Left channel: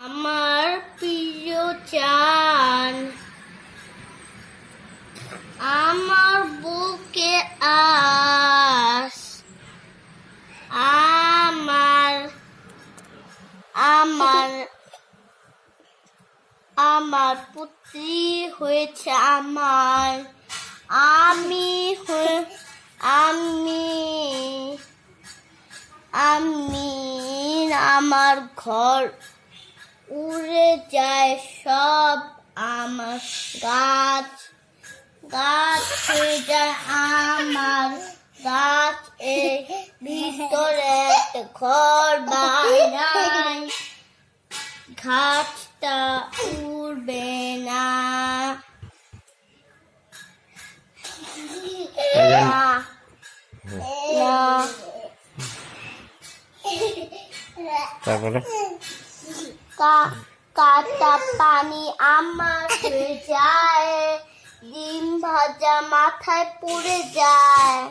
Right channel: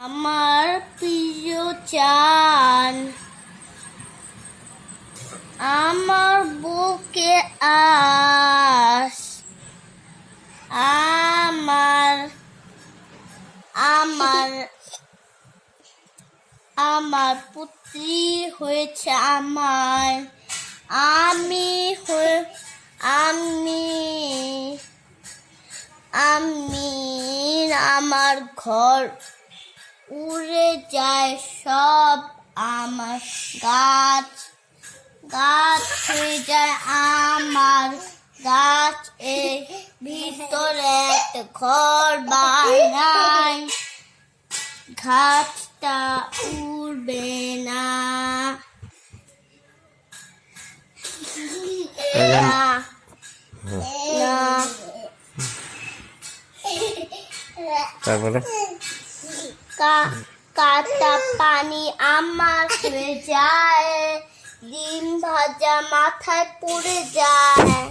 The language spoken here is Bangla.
আমার প্রিয় চান আমার বুকে আস আমার আমার আমার পুত্রী হয়েছে আমার আমি আমি আমি আমার ঘর উড়ে যায় সব আমার গাছ গাছ হয়ে যায় আমার গাছ এর ভিতরে একটা ঘর বানাই গাছটা উড়বে না না না তারপরে কাটা পানি আমার হয়ে যায় ডিম ভাজা মাথায় পড়ে যায়